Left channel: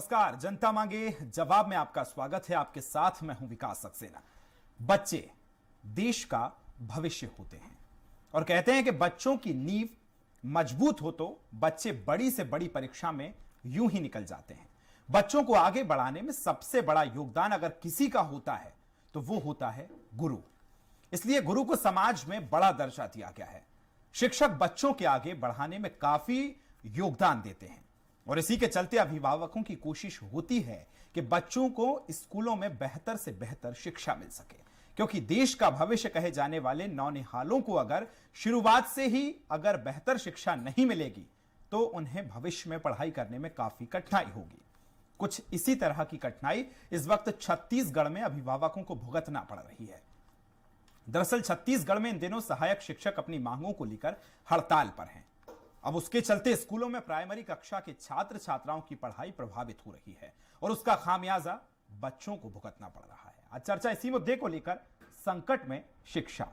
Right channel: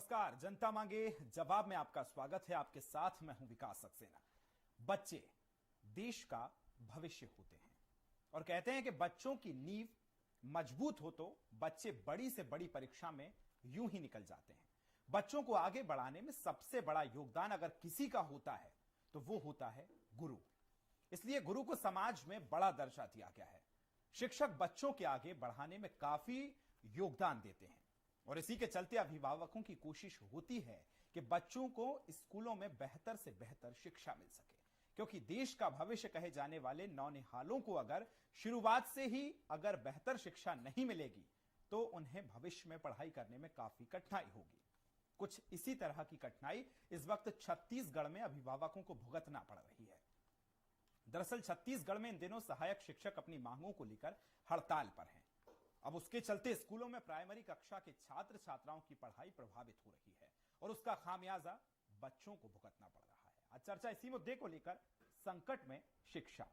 नमस्कार, जनता मांगे जवाब में आपका स्वागत है। आपके साथ मैं हूं विकास सक्सेना। बच्चे देश का भविष्य होते हैं और कहते हैं कि बच्चों की नींव मजबूत हो तो बच्चे बड़ी से बड़ी परीक्षा में यूं ही निकल जाते हैं। बच्चों को आगे बढ़ाने में सबसे बड़ा योगदान अगर किसी का होता है तो वो होता है गुरु। इसलिए गुरु को समाज में बड़ा दर्जा दिया गया है। शिक्षक बच्चों के आगे बढ़ाने में काफी योगदान देते हैं और इसी के चलते अभिभावकों की कोशिश होती है कि बच्चों को स्कूलों में बेहतर से बेहतर शिक्षा मिल सके, क्योंकि देश का भविष्य कहे जाने वाले नौनिहालों को अगर शुरुआत से ही अगर बेहतर शिक्षा नहीं मिलेगी तो उन्हें भविष्य में पढ़ाई करने में काफी कठिनाई होगी। कुछ इसी तरह की कठिनाई इस वक्त छत्तीसगढ़ में अभिभावकों को भुगतना पड़ रही है। दरअसल छत्तीसगढ़ में इन दिनों सहायक शिक्षक अपनी मांगों को लेकर हड़ताल पर हैं। अब उसके चलते स्कूलों में प्राइमरी कक्षा के छात्र छात्राओं की पढ़ाई प्रभावित हो रही है और उसका खामियाजा बच्चों को भुगतना पड़ रहा है। आज चर्चा इसी मुद्दे को लेकर, संकट में शिक्षा।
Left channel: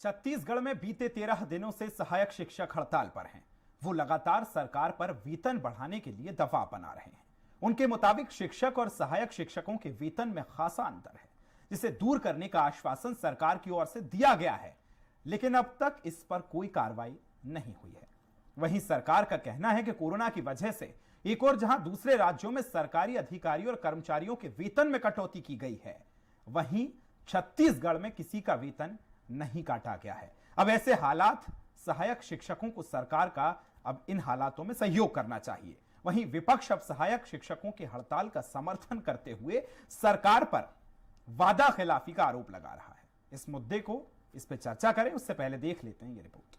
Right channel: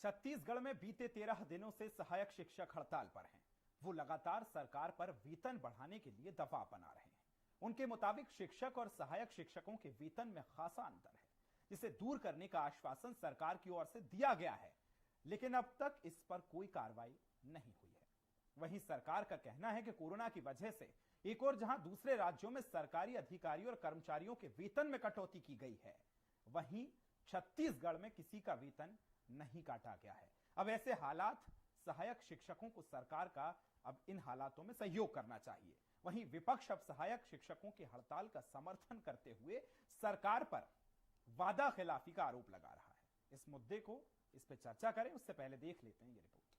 छत्तीसगढ़ में बीते 13 दिनों से सहायक शिक्षक हड़ताल पर हैं। वो लगातार सरकार पर वेतन बढ़ाने के लिए दबाव बना रहे हैं। उनके मुताबिक शिक्षक और सहायक शिक्षकों के वेतन में खासा अंतर है, जिसे दूर करने का आश्वासन सरकार की ओर से दिया गया है, लेकिन अब तक इस पर कोई कार्रवाई नहीं हुई है। वहीं सरकार का कहना है कि कोरोना की वजह से एक और जहां दूसरे राज्यों में सरकारी अधिकारियों और कर्मचारियों के वेतन में कटौती की गई है, वहीं छत्तीसगढ़ में किसी का वेतन नहीं काटा गया है। अब ऐसे हालात सहायक शिक्षकों को सरकार का अब इन हालातों में सहयोग करना चाहिए। वहीं विपक्ष अब सहायक शिक्षकों के हड़ताल का समर्थन करते हुए सरकार पर वादा खिलाफी का आरोप लगा रहा है। इस मुद्दे को इस पर चर्चा करें उससे पहले देख लेते हैं ये रिपोर्ट।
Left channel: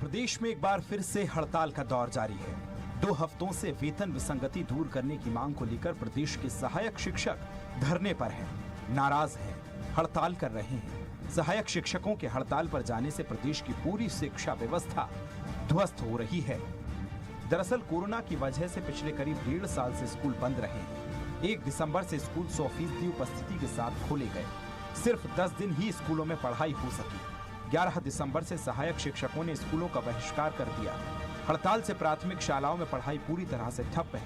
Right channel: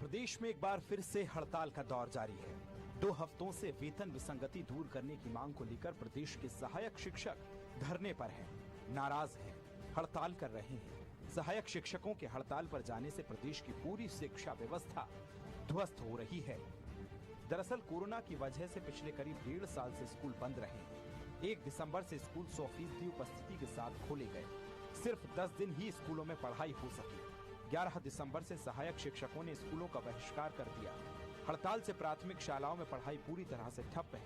प्रदेश में एक बार फिर से हड़ताल का दौर जारी है। 2 हफ्तों से वेतन विसंगति दूर करने की मांग को लेकर प्रदेश के सहायक शिक्षक धरने पर हैं, नाराज हैं, हड़ताल कर रहे हैं। सहायक शिक्षकों के हड़ताल पर जाने से प्रदेश की पूरी शिक्षा व्यवस्था ध्वस्त हो रही है। दरअसल कोरोना की वजह से पिछले करीब 1.5 साल से स्कूल बंद रहे हैं। 1 दिसंबर से स्कूल 100% उपस्थिति के साथ खोले गए। सिर्फ 10 दिन ही स्कूलों में पढ़ाई हो सकी। 11 दिसंबर से सहायक शिक्षकों ने स्कूलों का बहिष्कार कर दिया। हड़ताल से प्राथमिक शालाओं में पढ़ाई पूरी तरह से ठप है।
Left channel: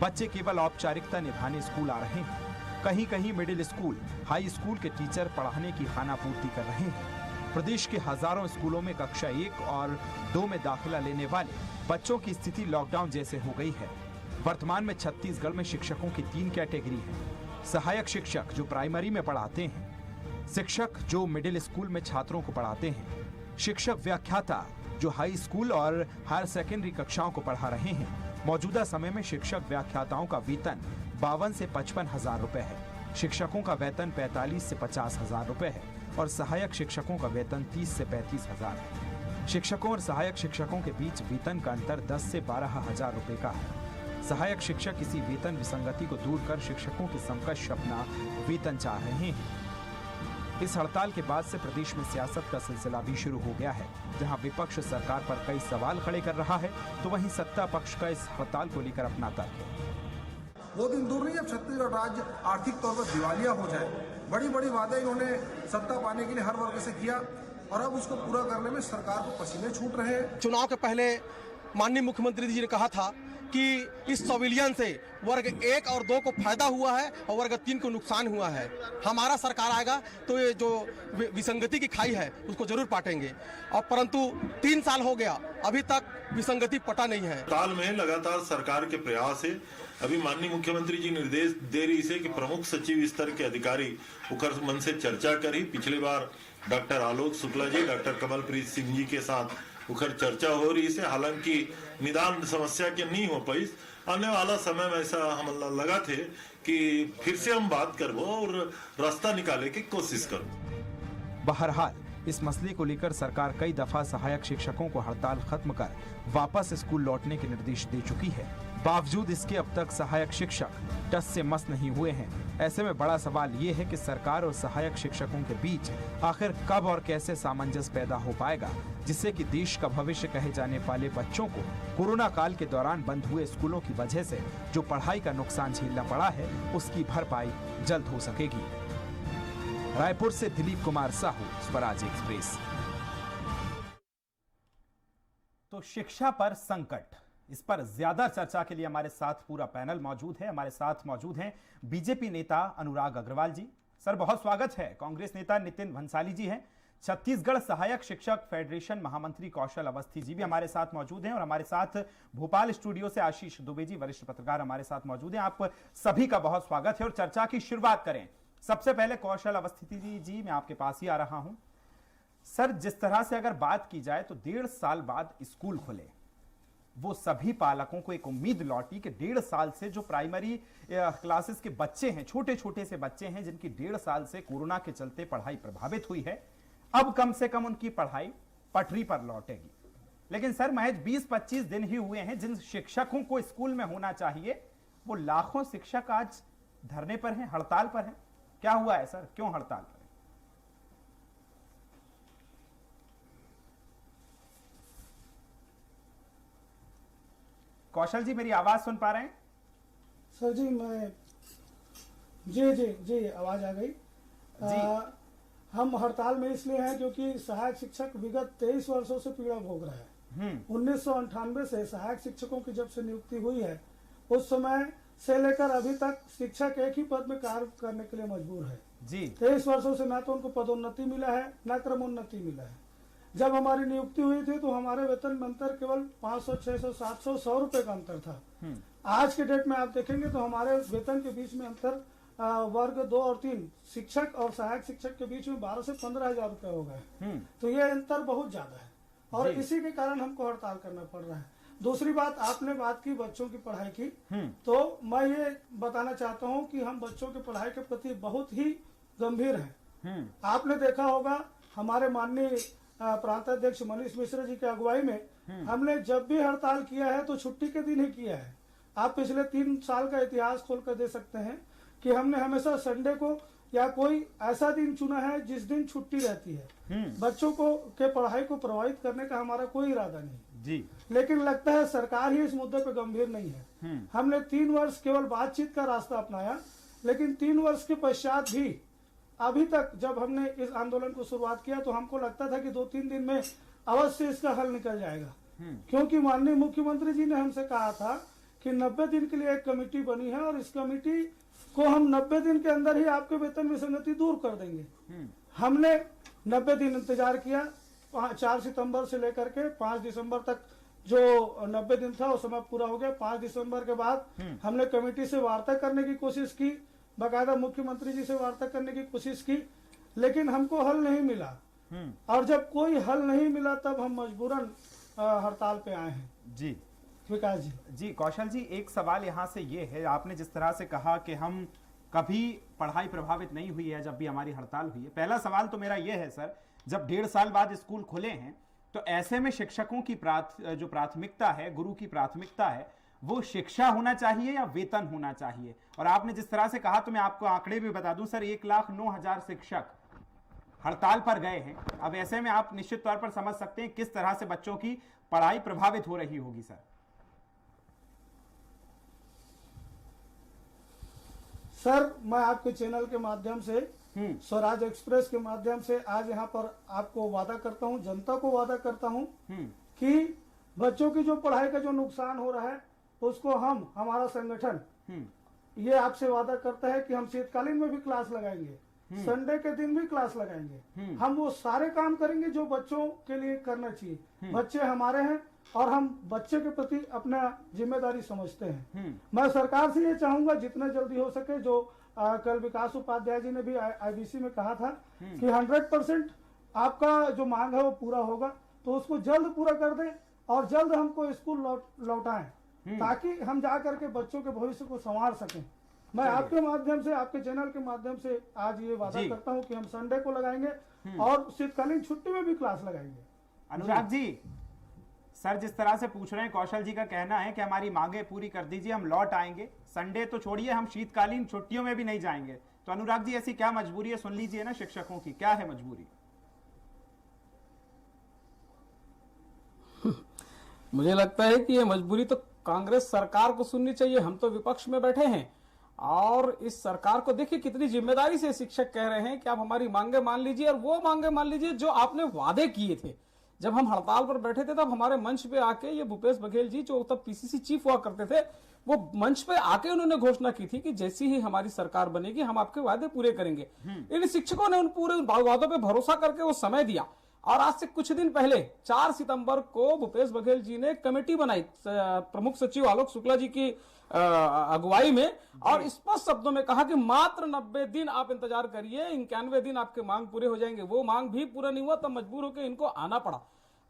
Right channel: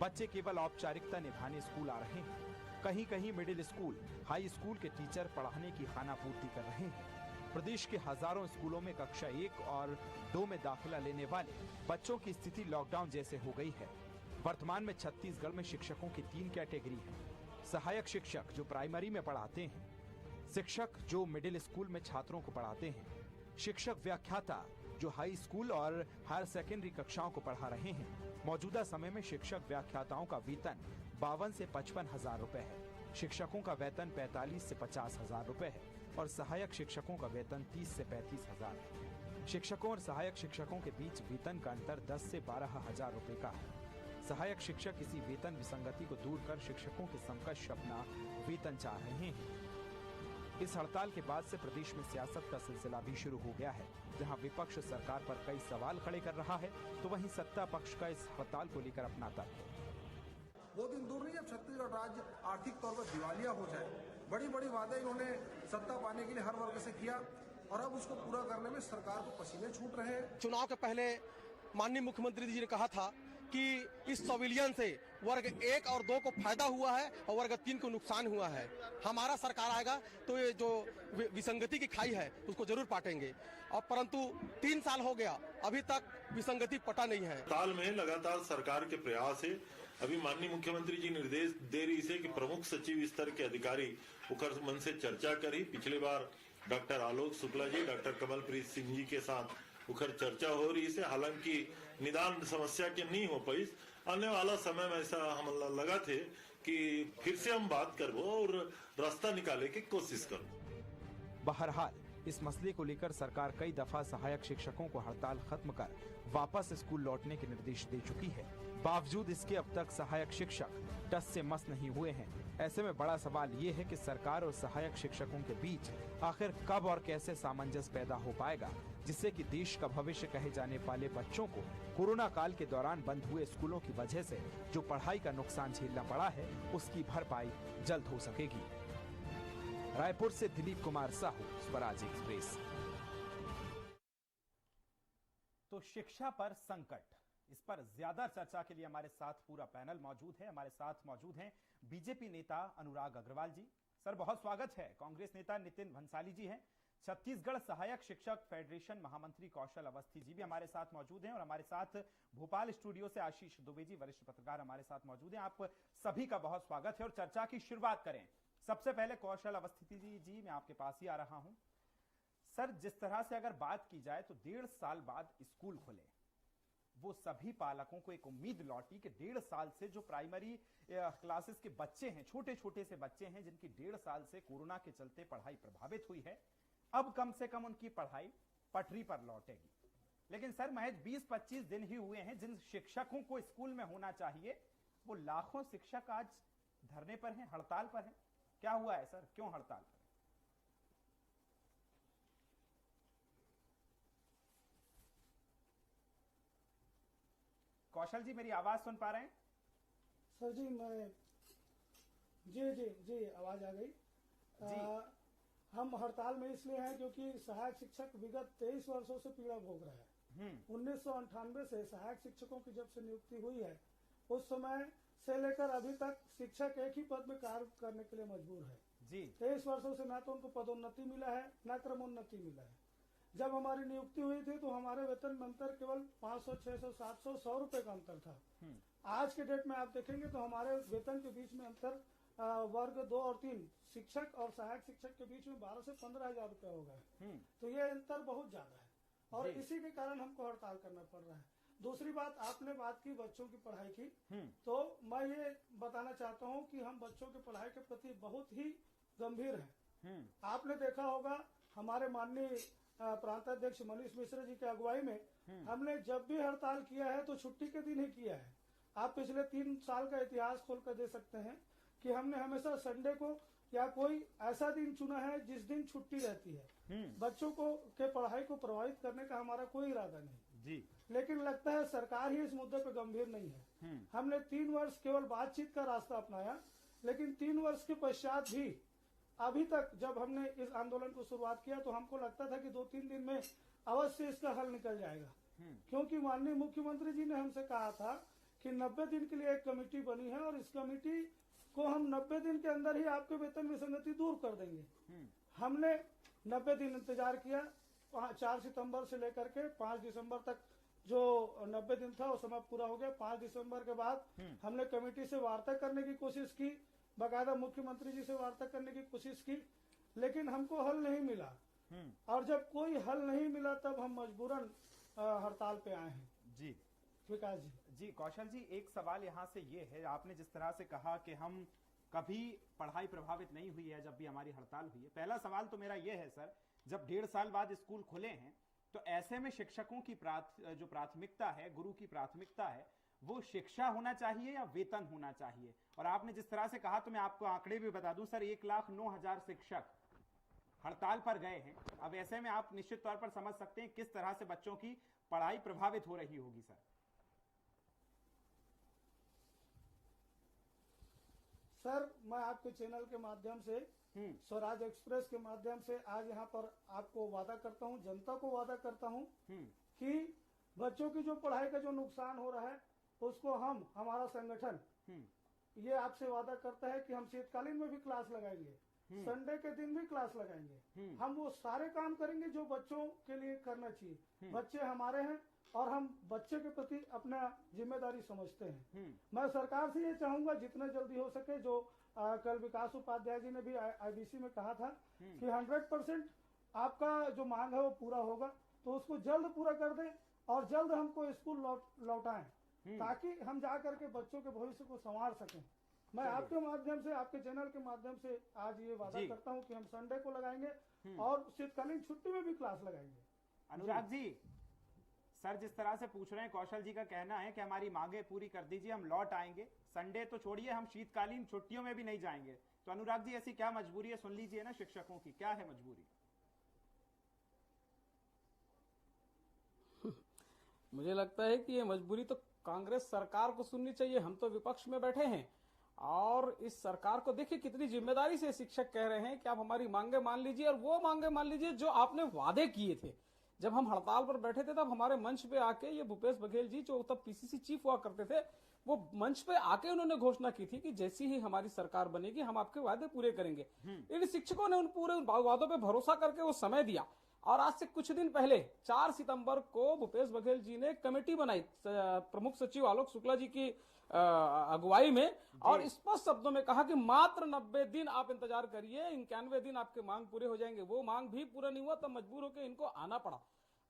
बच्चे केवल औपचारिकता निभाने स्कूल आ रहे हैं। कहीं कहीं मिडिल स्कूल, हाई स्कूल के टीचर पढ़ाने की खानापूर्ति कर रहे हैं। प्रदेश के हजारों स्कूलों में कक्षा 1 और 2 में दाखिला लेने वाले बच्चों की स्थिति लॉकडाउन जैसे हो गई है। वर्तमान में छत्तीसगढ़ में शिक्षकों की 3 कैटेगरी है। सहायक शिक्षक जो प्राइमरी में पढ़ाते हैं, शिक्षक जो मिडिल स्कूल में छात्रों को पढ़ाते हैं, शिक्षक व्याख्याता जो हाई स्कूल और हायर सेकेंडरी कक्षाओं को पढ़ा रहे हैं। मौजूदा समय में शिक्षक व्याख्याताओं का वेतन 52 से 55 हजार रुपए है। शिक्षकों का वेतन 45 से 50 हजार रुपए है और सहायक शिक्षकों का वेतन 30 से 35 हजार है। शिक्षकों और सहायक शिक्षकों के बीच वेतन का अंतर 10 से 12 हजार रुपए का है। सहायक शिक्षक इसी वेतन विसंगति को दूर कर शिक्षकों के समकक्ष अपना वेतन चाह रहे हैं। इस हड़ताल के बाद से प्रदेश में सियासत का सिलसिला भी शुरू हो गया है। जहां विपक्ष सरकार पर कई सवाल खड़े कर रहा है तो वहीं सत्ता पक्ष का इस हड़ताल को लेकर अपना तर्क है। वो दिन दूर नहीं, अब छत्तीसगढ़ राज्य आर्थिक तौर पर दिवालिया हो जाए। बड़ी बड़ी वादे इन्होंने सत्ता पाने के लिए हर वर्ग से किया और अब उसको पूरा करने में सरकार को पसीने छूट रहे हैं। चुनाव के पहले माननीय मुख्यमंत्री जी ने कहा था कि इस संविलियन से वर्ग 1 और 2 को फायदा हुआ है और वर्ग 3 को नुकसान हुआ है। हमारा सरकार आएगा तो ये जो विसंगति की खाई है उसको जरूर पाटेंगे। और परंतु 3 साल हो गया, अभी तक विसंगति पटा नहीं है। ताल में लगातार सरकार के प्रयास है। अभी माननीय मुख्यमंत्री जी निर्देश दे रही से कि प्रमुख सचिव स्तर के अधिकारी उकर मन से चर्चा करी। पिछले बार डॉक्टर आलोक शुक्ला जी, डॉक्टर कमलप्रीत सिंह जी के साथ उखर चर्चा हो रही से, हालांकि निदान समस्या के नहीं हो पाई। आने वाला समय में ऐसा हम लगा थे कि फिर से हम बात करबो और रास्ता निकाले की कोशिश करो। बहरहाल इस मसले को लेकर सरकार कई दफा सहायक शिक्षकों को हड़ताल खत्म कर वापस स्कूल लौटने के निर्देश दे चुकी है। बावजूद इसके अब तक सहायक शिक्षक टस से मस नहीं हुए हैं। ऐसे में बड़ा सवाल ये है कि सरकार और सहायक शिक्षकों के बीच आखिर कब और कैसे सामंजस्य पैदा हो पाएगा, जिससे कि देश का भविष्य कहे जाने वाले बच्चों को कोरोना काल के दौरान बंद हुए स्कूलों की वजह से जो पढ़ाई का नुकसान झेलना पड़ा है उसकी भरपाई जल्द हो सकेगी। रायपुर से दिलीप कुमार साहू, स्वराज एक्सप्रेस। तो शिक्षा पर संकट, इस पर ज्यादा चर्चा के लिए हमारे साथ पूरा पैनल मौजूद है। हमारे साथ मौजूद हैं बीजेपी नेता अनुराग अग्रवाल जी, सर बहुत स्वागत है। कांग्रेस नेता नितिन भंसाली जी हैं। छत्तीसगढ़ सहायक शिक्षक फेडरेशन महामंत्री कौशल अवस्थी जी भी हमारे साथ मौजूद हैं और हमारे साथ भोपाल स्टूडियो से आशीष दुबे जी, वरिष्ठ पत्रकार, हमारे साथ मौजूद हैं। आप सभी का बहुत स्वागत है और चर्चा की शुरुआत करें। सबसे पहले कौशल अवस्थी जी, मैं आपके पास ही आ रहा हूं। सर, जिस तरह से अगर बात की जाए तो 1.5 साल बाद स्कूल खुले, वो सभी पालकों को एक उम्मीद लौटी कि 1.5 साल से जो प्राइमरी क्लासेस के बच्चे हैं, छोटे छोटे से बच्चे हैं जिनकी 1.5 साल से कोरोना के चलते पढ़ाई प्रभावित हुई है, अब कम से कम उनकी पढ़ाई पटरी पर लौटेगी। लेकिन सर, महज 20-25 दिन ही हुए हैं। जिन शिक्षकों को स्कूल में होना चाहिए वो लाखों शिक्षक आज धरने पर हैं, हड़ताल पर हैं। क्या हुआ है सर, क्यों हड़ताल पर? कौशल जी, मेरी आवाज सुन पा रहे हैं? सर जी, मैं जी आवाज आ गई। हम हड़ताल में इसलिए हैं क्योंकि सहायक शिक्षक विगत 23 वर्षों से पीड़ा भोग रहा है। 1998 से सहायक शिक्षकों की जब से नियुक्ति हुई है उस समय से लेकर अभी तक शिक्षक एक ही पद में कार्य करने के लिए मजबूर है जी। 23 वर्षों से न तो उनको पदोन्नति मिला है न क्रमोन्नति मिला है। जब हमारी नियुक्ति हुई थी तो हमारे वेतन में अंतर केवल 500, 600, 700, 100 रुपए का अंतर था। आज के डेट में आप देखेंगे तो हमारे वेतन के बीच में अंतर वर्ग 2 और 3 शिक्षक और सहायक शिक्षक के बीच में 12 से 15 हजार रुपए हो गए। तो ये अंतर बहुत ज्यादा है और इसी के कारण हमको हड़ताल करना पड़ रहा है। दूसरी बात, आपने बात की बच्चों की पढ़ाई की, तो मैं ये बताना चाहता हूँ कि हम बच्चों की पढ़ाई के प्रति बहुत ही गंभीर हैं। आपने देखा होगा हमारे माननीय प्रांताध्यक्ष मनीष मिश्र जी की अगुवाई में हमने जब भी हड़ताल किया है तो छुट्टी के दिन ही किया है। आप पिछले 3 साल का इतिहास खोल कर दे सकते हैं कि हमने हमेशा संडे को या कोई ऐसा दिन चुना है जिस दिन छुट्टी रहती है। बच्चों को के पढ़ाई को प्रभावित करने का हमारा कोई इरादा नहीं जी। लेकिन लगता है सरकार ही इस मुद्दे पे गंभीर नहीं है। हमने 3 वर्ष केवल बातचीत का रास्ता अपनाया, लेकिन 3 वर्ष के पश्चात भी अभी तक जब हमने इस आंदोलन को शुरुआत किया तो हमको लगता था कि 2-3 दिन में अवश्य इसका हल निकल जाएगा, क्योंकि माननीय मुख्यमंत्री जी ने हमसे कहा था कि 90 दिन के लिए एक कमेटी बनी है और इस कमेटी को हम 90 दिन के अंदर ही आपके वेतन विसंगति दूर कर देंगे। हमने 90 दिन इंतजार किया। 4 सितंबर से लेकर के 5 दिसंबर तक जो 90 दिन था वो समय पूरा हो गया। 5 दिसंबर के बाद हमने कमेटी से वार्ता करने की कोशिश की, बाकायदा मुख्यमंत्री जी से वार्ता करने की कोशिश की, लेकिन हमको हल नहीं मिला। और जब कोई हल नहीं मिला तब हम मजबूरन हड़ताल पे आए हैं जी। विकास जी। कौशल जी, एक सवाल यहाँ से ये है, आपने जिस तरह से कहा कि हम कभी पढ़ाई प्रभावित नहीं हुई है जब भी हमारी हड़ताल हुई है। पहला सवाल तो मेरा ये है सर, जब 1.5 साल बाद स्कूल खुले हैं तो ऐसे में शिक्षकों की जो प्राथमिकता है, गुरु की प्राथमिकता है, वो शिक्षा होना चाहिए या वेतन होना चाहिए? और आपने जिस तरह से कहा तो मैं आपको आंकड़े भी बता दूं सर, 1,09,000 शिक्षक हड़ताल पर गए हैं। अब ऐसे में आप निश्चित तौर पर समझ सकते हैं किस तरह से बच्चों की पढ़ाई प्रभावित हो रही होगी सर। सर, मैं आपके चैनल के माध्यम से, स्वराज एक्सप्रेस के माध्यम से आज यहाँ पर आपको वादा करता हूँ, जनता को वादा करता हूँ कि बच्चों की जो पढ़ाई का जो नुकसान हो रहा है उसको हमारा संगठन ये आपसे वादा करता है कि हम शीतकालीन में भी क्लास लगाएंगे, संडे के दिन भी क्लास लगाएंगे। हम वो सारे काम करेंगे जो बच्चों के लिए करना चाहिए। बच्चे हमारे हैं और हम बच्चे के प्रति अपना जिम्मेदारी समझते हैं। मैं सरकार से ये चाहूंगा जितना जल्दी हो सके, जो कल विकास उपाध्याय जी ने भी आईबीसी में कहा था कि 100% आपका जो मांग है वो पूरा होगा, तो उसको जल्द पूरा कर दें और जल्द हमको स्कूल लौटाएं ताकि हम जा करके बच्चों के भविष्य को संवार सकें। मैं आपके माध्यम से, आपके चैनल के माध्यम से आज ये वादा करता हूं कि हम संडे को लगाएंगे और शीतकालीन छुट्टी में भी क्लास लगाएंगे। अनुराग जी, सर जिस तरह से पूछ रहे हैं, कौशल जी का कहना है कि हमारी मांगे पूरी कर दीजिए, हम लौट आएंगे, संडे तो छोड़िए, हम शीतकालीन छुट्टियों में भी नहीं जाएंगे। तो अनुराग जी, ऐसी क्या मजबूरी है, सुन लीजिए ना शिक्षकों की, क्या है मजबूरी? मुझे लगता है कि ये मजबूरी तो कांग्रेस सरकार को सुननी चाहिए। हम तो विपक्ष में बैठे हैं और इस सरकार को देखिए कितनी जिम्मेदारी से शिक्षक कह रहे हैं कि आप हमारी मांगे मान लीजिए, और वो मांगे मान लीजिए जो आपने वादे किए थे। जब हम हड़ताल पर बैठे थे तब हमारे मंच पे आके ये भूपेश बघेल जी, जो तब पीसीसी चीफ हुआ करते थे, वो मंच पे आके उन्होंने घोषणा की थी कि जैसी ही हमारी सरकार बनेगी हम आपके वादे पूरे करेंगे। इन शिक्षकों ने उन पूरे वादों पे भरोसा करके वो समय दिया, और आज से कुछ दिन पहले 4 सितंबर को भूपेश बघेल जी ने कमेटी बनाई प्रमुख सचिव आलोक शुक्ला जी की अगुवाई में, और स्पष्ट शब्दों में कहा कि मात्र 90 दिन आप इंतजार करिए, 91 दिन आपके मांग पूरे हो जाएंगे। वो मांग भी पूरा नहीं हुआ, तब मजबूर होकर इनको आना पड़ा।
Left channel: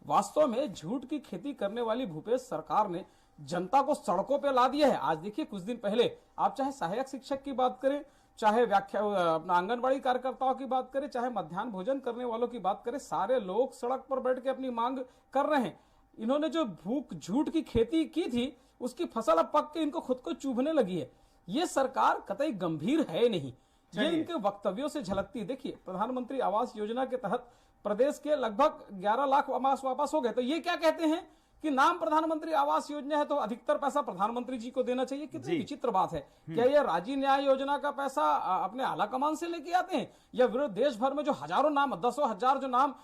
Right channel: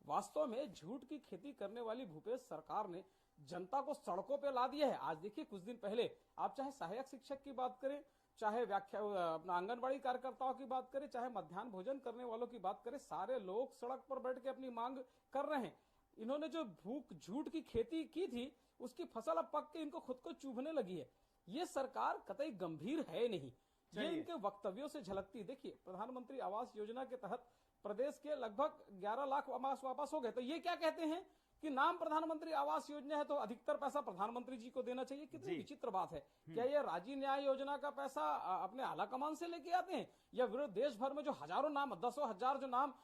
वास्तव में झूठ की खेती करने वाली भूपेश सरकार ने जनता को सड़कों पे ला दिया है। आज देखिए कुछ दिन पहले आप चाहे सहायक शिक्षक की बात करें, चाहे अपना आंगनबाड़ी कार्यकर्ताओं की बात करें, चाहे मध्याह्न भोजन करने वालों की बात करें, सारे लोग सड़क पर बैठ के अपनी मांग कर रहे हैं। इन्होंने जो भूख झूठ की खेती की थी, उसकी फसल अब पक के इनको खुद को चुभने लगी है। ये सरकार कतई गंभीर है नहीं, ये इनके वक्तव्यों से झलकती। देखिए, प्रधानमंत्री आवास योजना के तहत प्रदेश के लगभग 11 लाख आवास वापस हो गए, तो ये क्या कहते हैं कि नाम प्रधानमंत्री आवास योजना है तो अधिकतर पैसा प्रधानमंत्री जी को देना चाहिए। कितनी विचित्र बात है। क्या ये राजी न्याय योजना का पैसा अपने आला कमान से लेके आते हैं, या विरोध देश भर में जो हजारों नाम, 10,000 जो नाम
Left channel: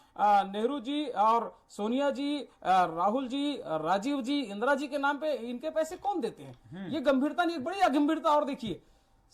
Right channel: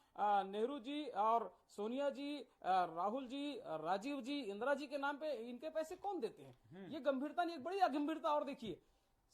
नेहरू जी और सोनिया जी, राहुल जी, राजीव जी, इंदिरा जी के नाम पे, इनके पैसे कौन देते हैं? ये गंभीरता नहीं, बड़ी अगंभीरता। और देखिए,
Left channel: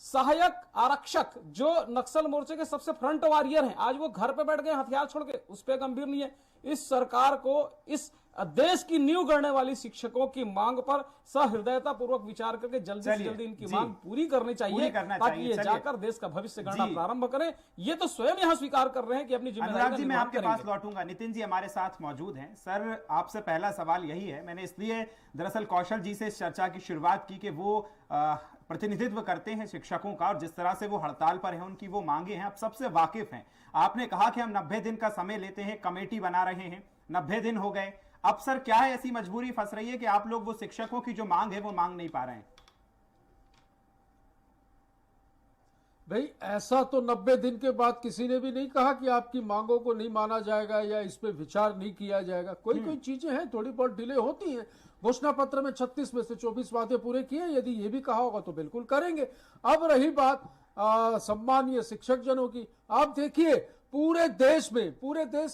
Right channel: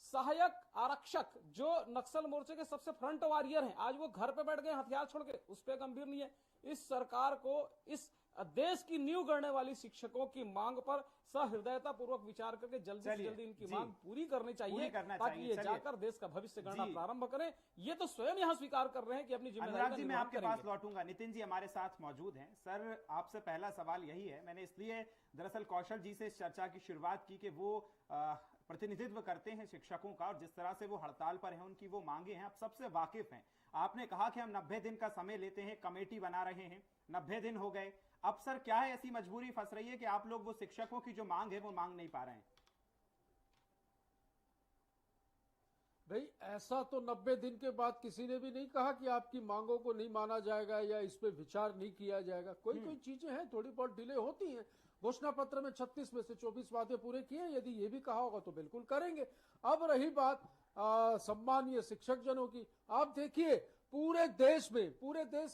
सहायक आरक्षक जो नक्सल मोर्चे के सबसे फ्रंट वॉरियर हैं, आज वो घर पे बैठ गए हथियार छोड़ के, उस पर गंभीर नहीं है। इस सरकार को इस देश की नींव गढ़ने वाली शिक्षकों की मांग पर सहृदयता पूर्वक विचार करके जल्दी से जल्दी इनकी मांग पूरी करनी चाहिए, ताकि ये जाकर देश का भविष्य गढ़ना प्रारंभ करें। ये तो स्वयं यहाँ स्वीकार कर रहे हैं कि अपनी जिम्मेदारी जी, मैं आपके पास लौटूंगा। नितिन जी हमारे साथ मौजूद हैं। सर, आपसे पहला सवाल यही है, मैंने इसलिए दरअसल कौशल जी से इस चर्चा की शुरुआत की कि वो प्रतिनिधित्व करते हैं शिक्षकों का, और जिस तरह से वो हड़ताल पर हैं, उनकी वो मांगे हैं, आप सबसे वाकिफ हैं। आपने कहा कि हम 90 दिन का समय लेते हैं, कमेटी बना रहे हैं, 90 दिन हो गए। अब सर क्या है, ऐसी मजबूरी फंस रही है कि आप लोग वो शिक्षकों की जो मांग है वो मांग नहीं पा रहे हैं? भाई, ऐसा तो 90 दिन के बाद किसी ने भी नहीं कहा कि आपकी मांगों को नहीं माना जाएगा या इस पे विचार नहीं किया जाएगा। कोई चीजें हैं, थोड़ी बहुत डिले होती हैं। घोषणा पत्र में 36 में से 24 वादे पूरे किए, यदि ये भी कहा होगा तो बिल्कुल करेंगे। अब रही बात सम्मानीय शिक्षक जनों की, आप देखिए पूरे देश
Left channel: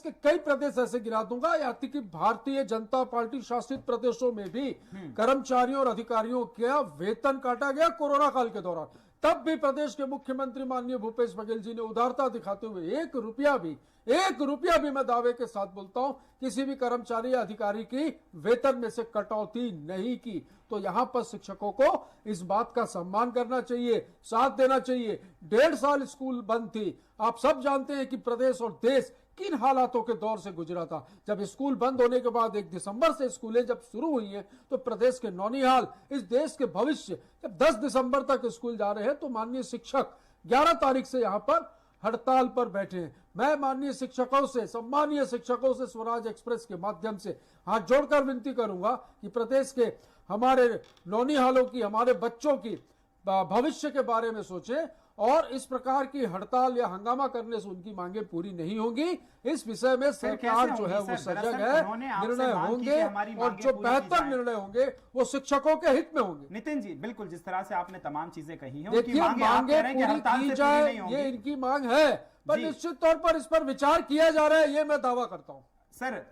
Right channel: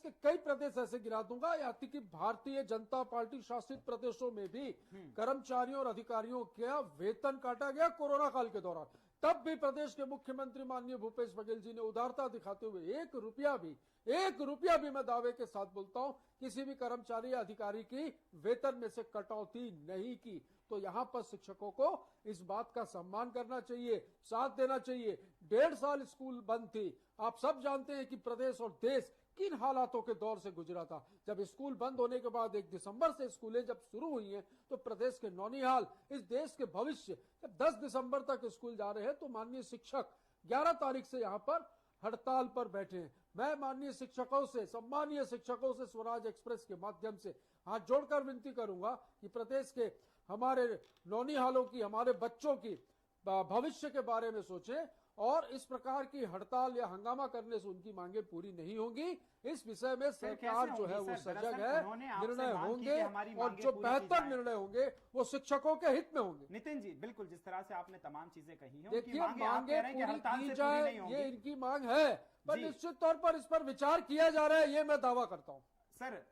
के कई प्रदेश ऐसे गिरा दूंगा, यहाँ तक कि भारतीय जनता पार्टी शासित प्रदेशों में भी कर्मचारियों और अधिकारियों का वेतन काटा गया कोरोना काल के दौरान। तब भी प्रदेश के मुख्यमंत्री माननीय भूपेश बघेल जी ने उदारता दिखाते हुए 1 रुपया भी मैं दावे के साथ बोलता हूं, किसी भी कर्मचारी या अधिकारी की वेतन में से कटौती नहीं की। तो यहां पर शिक्षकों को इस बात का सम्मान करना चाहिए, साथ देना चाहिए। 1.5 साल स्कूल बंद थी। आप सब जानते हैं कि प्रदेश और देश किन हालातों के दौर से गुजरा था। जब स्कूल बंद होने के बाद 1 दिसंबर से स्कूलें जब शुरू हुई हैं, तो प्रदेश के नौनिहाल, इस देश के भविष्य, जब 10 दिसंबर तक स्कूल जा रहे हैं, तो माननीय शिक्षक 11 तारीख से यहाँ पर हड़ताल पर बैठे हैं। मैं माननीय शिक्षकों से, सम्मानीय शिक्षकों से स्वराज एक्सप्रेस के माध्यम से हाथ जोड़कर विनती करूंगा कि प्रदेश के हमारे नौनिहालों की, हमारे बच्चों की भविष्य के बारे में सोचें, और इस प्रकार की हड़ताल या हंगामा करने से उनकी मांगे पूरी नहीं होंगी। इस विषय में सरकार जो है वो सजग है, निर्णय होंगे, और जो बेहतर निर्णय होंगे वो शिक्षकों के हित में होंगे। नितिन जी, बिल्कुल जिस तरह से आपने तमाम चीजें कही हैं, देखिए मांगे पूरी की जाए, ये इनकी मांग है, पर निश्चित तौर पर इस पर विचार किया जा रहा है, ये मैं दावा करता हूँ। सर,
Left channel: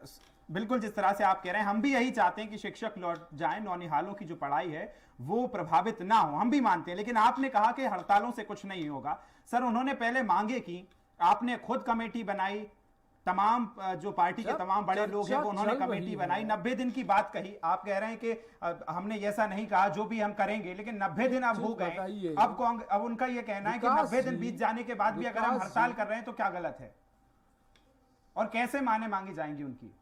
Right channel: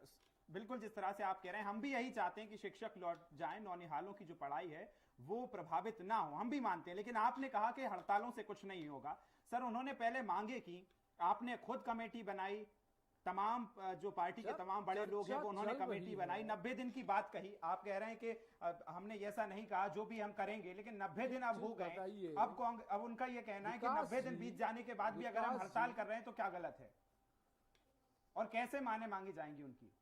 बिल्कुल जिस तरह से आप कह रहे हैं, हम भी यही चाहते हैं कि शिक्षक लौट जाएं, नौनिहालों की जो पढ़ाई है वो प्रभावित ना हो, हम भी मानते हैं। लेकिन आपने कहा कि हड़तालों से कुछ नहीं होगा। सर, उन्होंने पहले मांगे की, आपने खुद कमेटी बनाई, तमाम जो पार्टी के तमाम बड़े लोग हैं वो उन्होंने कमेटी बनाई, 90 दिन की बात कही। आप कह रहे हैं कि हमने ऐसा नहीं कहा, जो भी हम करेंगे, लेकिन 90 दिन अब हो गए। अब उनका यह कहना है कि 90 दिन बीत जाने के बाद भी अगर हम हड़ताल कर रहे हैं तो क्या गलत है, और कैसे मांगी जाएंगी उनकी?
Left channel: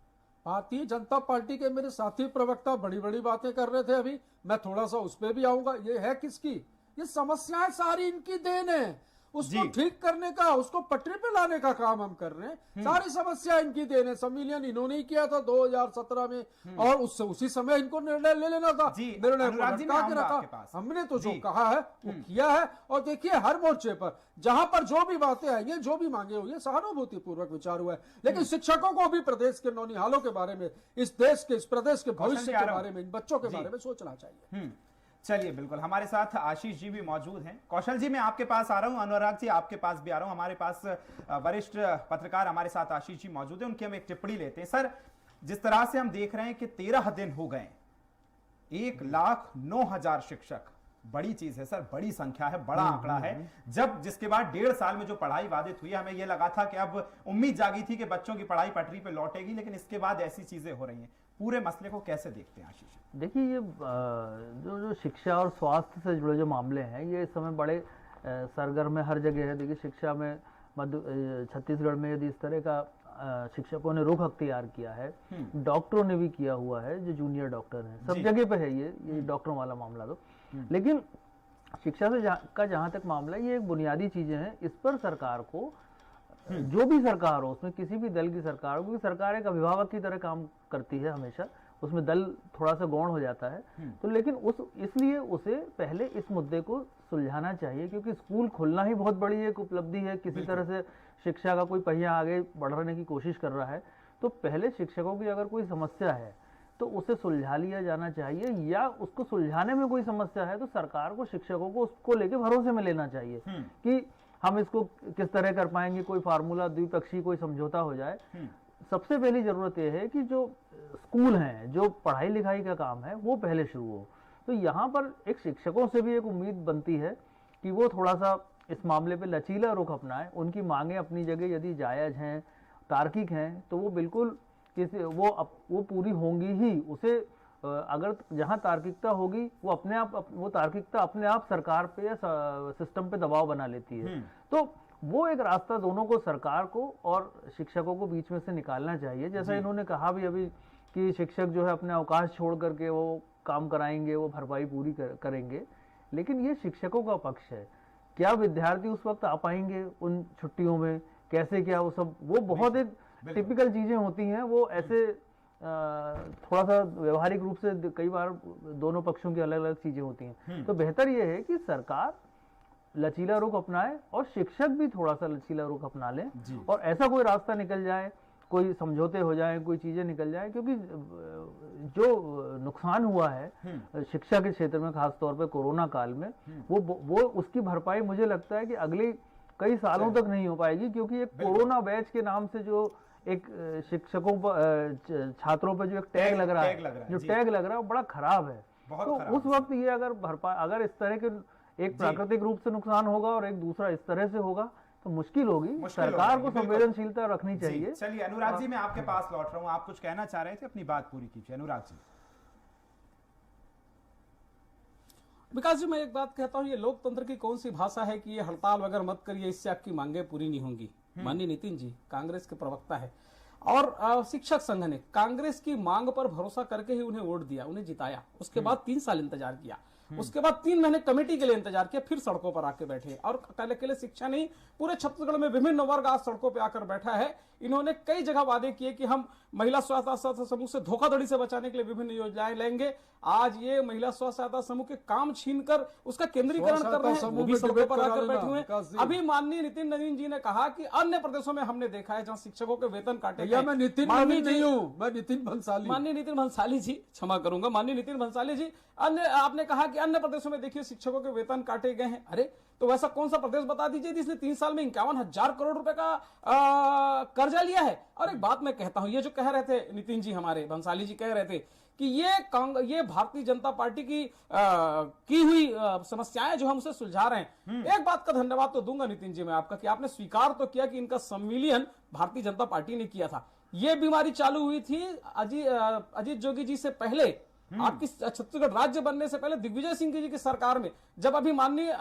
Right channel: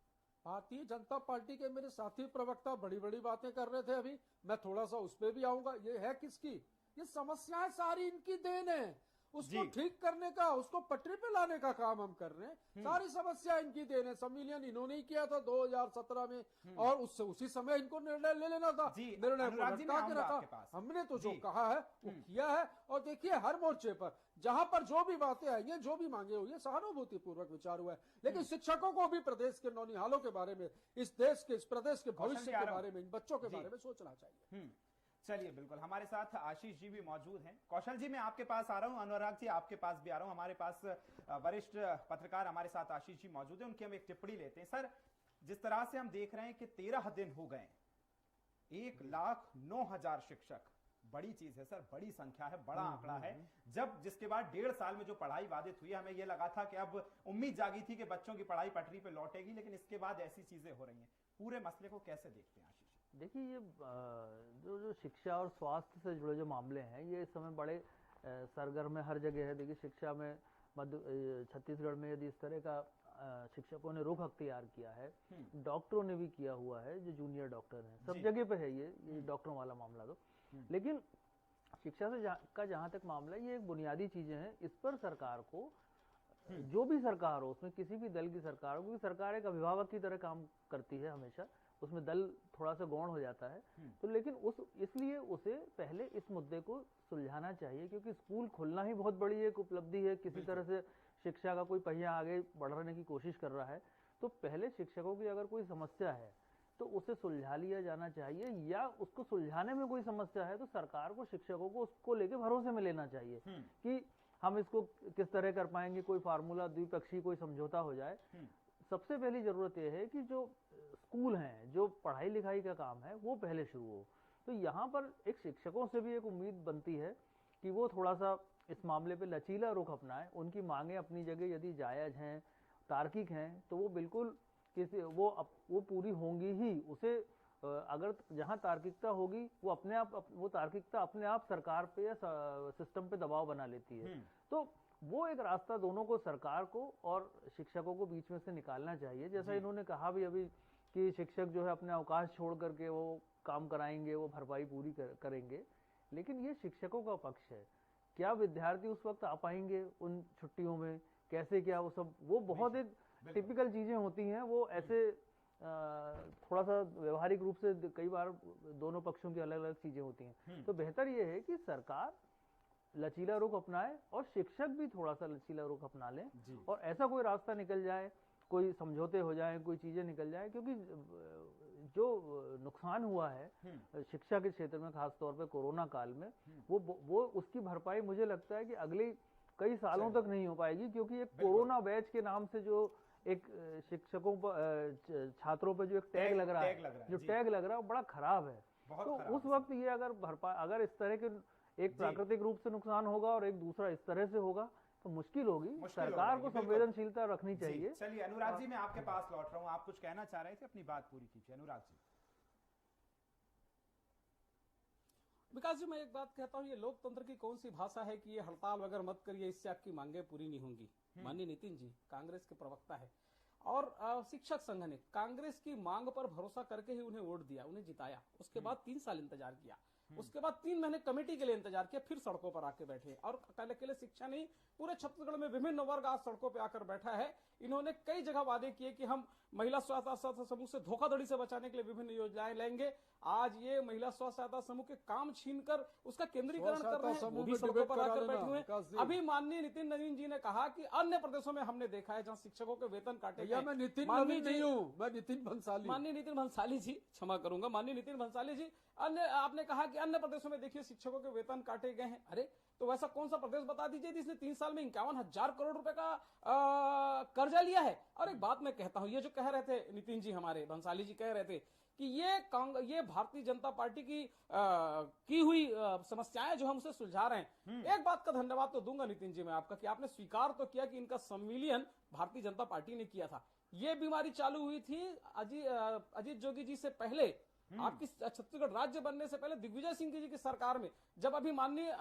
भारतीय जनता पार्टी के मेरे साथी प्रवक्ता बड़ी बड़ी बातें कर रहे थे अभी, मैं थोड़ा सा उस पर भी आऊंगा। ये है किसकी? ये समस्याएं सारी इनकी देन है। उसको ठीक करने का, उसको पटरी पे लाने का काम हम कर रहे हैं। सारी समस्या इनकी देन है। संविलियन इन्होंने ही किया था 2017 में और उससे उसी समय इनको निर्णय ले लेना था। निर्णय को लटका के रखा। हमने तो जो कहा है वो किया है। और देखिए हर मोर्चे पर जहां पर जो भी बातें आई हैं, जो भी मांगे हुई है, सहानुभूति पूर्वक विचार हुआ है। लेकिन शिक्षकों को भी प्रदेश के नौनिहालों के बारे में, इस देश के, इस प्रदेश के भविष्य के बारे में, इन बच्चों के बारे में सोचना चाहिए। चलिए बिल्कुल, हमारे साथ आशीष जी भी मौजूद हैं। कौशल जी मैं आपके पास आ रहा हूं, अनुराग जी आपके पास भी आ रहा हूं। हमारे पास वरिष्ठ पत्रकार हमारे साथ आशीष जी मौजूद हैं, उनकी हम एक टिप्पणी लेते हैं। सर, जिस तरह से हम देख रहे हैं कि 13 दिन हो गए, 1,09,000 शिक्षक, बड़ी चीज है सर, बड़ी संख्या है, बड़ा आंकड़ा है। जब जिसके बाद 1.5 साल में जो पढ़ाई बाधित हुई, हमें यह लगा था कि अब उम्मीद जागी थी कि बच्चों की पढ़ाई पटरी पे लौटेगी, लेकिन इसके बाद ऐसी चीजें हो रही हैं। पूरे मसले को कैसे देखते हैं आशीष? देखिए, ये जो शिक्षा और स्वास्थ्य से जुड़े जो मामले हैं, ये इस समय बड़े सरगर्म में हर जगह है। देखिए शिक्षा में छत्तीसगढ़ में यदि इस तरह का शिक्षकों ने रुख अख्तियार किया है, डॉक्टरों ने भी किया हुआ है, जो जूनियर डॉक्टर हैं, सब जगह पे है ये डॉक्टरों वाला मामला। तो लेकिन शिक्षा से जहाँ तक मामला है, ये एक बुनियादी चीजें हैं। इस पर सरकार को, जो भी सरकार हो, उसमें किसी भी दल की सरकार हो, क्योंकि सरकार एक अभिभावक की तरह काम करती है हमेशा, उसमें दल थोड़ा सा गौण हो जाता है। तो लेकिन इसलिए उसे पहले इस मुद्दे को सुलझाना चाहिए, क्योंकि स्कूल खुलना ही बहुत बड़ी एक उपलब्धि है। किसी तरह से शिक्षा का कोई पहिया आगे बढ़ाने की कोशिश कर रहा है, तो पहले शिक्षकों की अगर कोई समस्या है तो उसे सुलझा लिया जाना चाहिए, या उसको सुलझाने में कोई समस्या है तो सरकार को शिक्षकों को उसको लेके भरोसे में लेना चाहिए कि हम इसको किस तरह कर पाएंगे, कोई फार्मूला, द्विपक्षीय कोई समझौता हो जाए। सबसे पहली जरूरत यह है कि जो स्कूल हैं, जो पढ़ाई लिखाई का काम है, वो पहले शुरू हो। तो यहाँ पर एक शिक्षकों से भी एक उम्मीद बनती है कि वो थोड़ा सा इस मामले पे लचीला रुख अपनाएं। उनकी मांगे अपनी जगह यदि जायज हैं, तार्किक हैं, तो वो बिल्कुल वो पूरी होंगी ही। उसे अगर जहां तार्किकता होगी, वो अपने आप, वो तार्किकता अपने आप सरकार पे या सिस्टम पे दबाव बना लेती है। तो वो एक रास्ता दोनों को, सरकार को और शिक्षकों को बीच में से निकालना चाहिए। जैसा इन्होंने कहा भी अभी कि शिक्षक जो है अपने अवकाश छोड़ करके वो काम कराएंगे, वो भरपाई पूरी करेंगे, लेकिन ये शिक्षकों का पक्ष है। क्या विद्यार्थी उस वक्त आ पाएंगे उन छुट्टियों में, कैसे, क्या वो सब, वो बहुत एक टिपिकल चीजें होती हैं। वो ऐसे थोड़ा सा व्यवहारिक रूप से कई बार दोनों पक्षों की अलग अलग चीजें होती हैं। तो बेहतर यह है कि सरकार लचीला रुख अपनाए और शिक्षक भी थोड़ा सा लचीला रुख अपना लें, और ऐसा कोई रास्ता निकल जाए, कोई समझौते हो जाए, कोई चीजें निकल जाए। क्योंकि जो नुकसान हुआ है शिक्षा के क्षेत्र में, खासतौर पे कोरोना काल में, वो उसकी भरपाई मुझे लगता है कि अगले कई सालों तक नहीं हो पाएगी। क्योंकि एक कोरोना बैच के नाम से जो एक शिक्षकों पर, छात्रों पर जो एक टैग लग रहा है, जो टैग लग रहा है वो बड़ा खराब है। तो उस वक्त ये अगर इस तरह के एक प्राकृतिक रूप से नुकसान होगा और एक दूसरा इस तरह से होगा, तो मुश्किल होगी। सरकार को संवेदनशीलता रखनी चाहिए। चलिए अनुराग जी, मैं आपके पास लौट रहा हूं। आप कुछ कहना चाह रहे थे, अपनी बात पूरी कीजिए अनुराग जी। विकास जी, मैं एक बात कहता हूं, ये लोकतंत्र की कौन सी भाषा है कि ये हड़ताल वगैरह मत करिए, इससे आपकी मांगे पूरी नहीं होंगी। माननीय नितिन जी कांग्रेस के प्रवक्ता है, और शिक्षक संघ ने कांग्रेस की मांग पर भरोसा करके ही उन्हें वोट दिया, उन्हें जिताया। उसके बाद 3 साल इंतजार किया, उसके बाद 3 महीने कमेटी के लिए इंतजार किया, फिर सड़कों पर आके बैठे। और अकेले शिक्षा नहीं, पूरे छत्तीसगढ़ में विभिन्न वर्ग आज सड़कों पर आकर बैठा है। इन्होंने कई जगह वादे किए कि हम महिला स्व सहायता समूह से धोखाधड़ी से बचाने के लिए विभिन्न योजनाएं लेंगे। आज ये महिला स्व सहायता समूह के काम छीनकर उसका केंद्रीकरण कर रहे हैं, वो भी सड़कों पर आकर बैठे हुए हैं। अभी माननीय नितिन नवीन जी ने कहा कि अन्य प्रदेशों में हमने देखा है जहां शिक्षकों के वेतन काटे गए। मैं नितिन नहीं हूं, मैं नितिन भंसाली। माननीय नितिन भंसाली जी, क्षमा करूंगा, माननीय नितिन भंसाली जी, आपने कहा कि अन्य प्रदेशों में देखिए शिक्षकों के वेतन काटे गए हैं। अरे तो वैसा कौन सा प्रदेश बता दीजिए जिसने 3 साल में 51,000 करोड़ रुपए का कर्जा लिया है। और एक बात मैं कहता हूं, ये जो कह रहे थे नितिन जी, हमारे भंसाली जी कह रहे थे कि ये भारतीय जनता पार्टी की हुई समस्याएं जो हम उसे सुलझा रहे हैं। एक बात का धन्यवाद तो दूंगा नितिन जी मैं आपका, कि आपने स्वीकार तो किया कि इनका संविलियन भारतीय जनता पार्टी ने किया था। ये बीमारी चालू हुई थी अजीत जोगी जी से पहले, आपकी छत्तीसगढ़ राज्य बनने से पहले दिग्विजय सिंह जी की सरकार में, जब अभी माननीय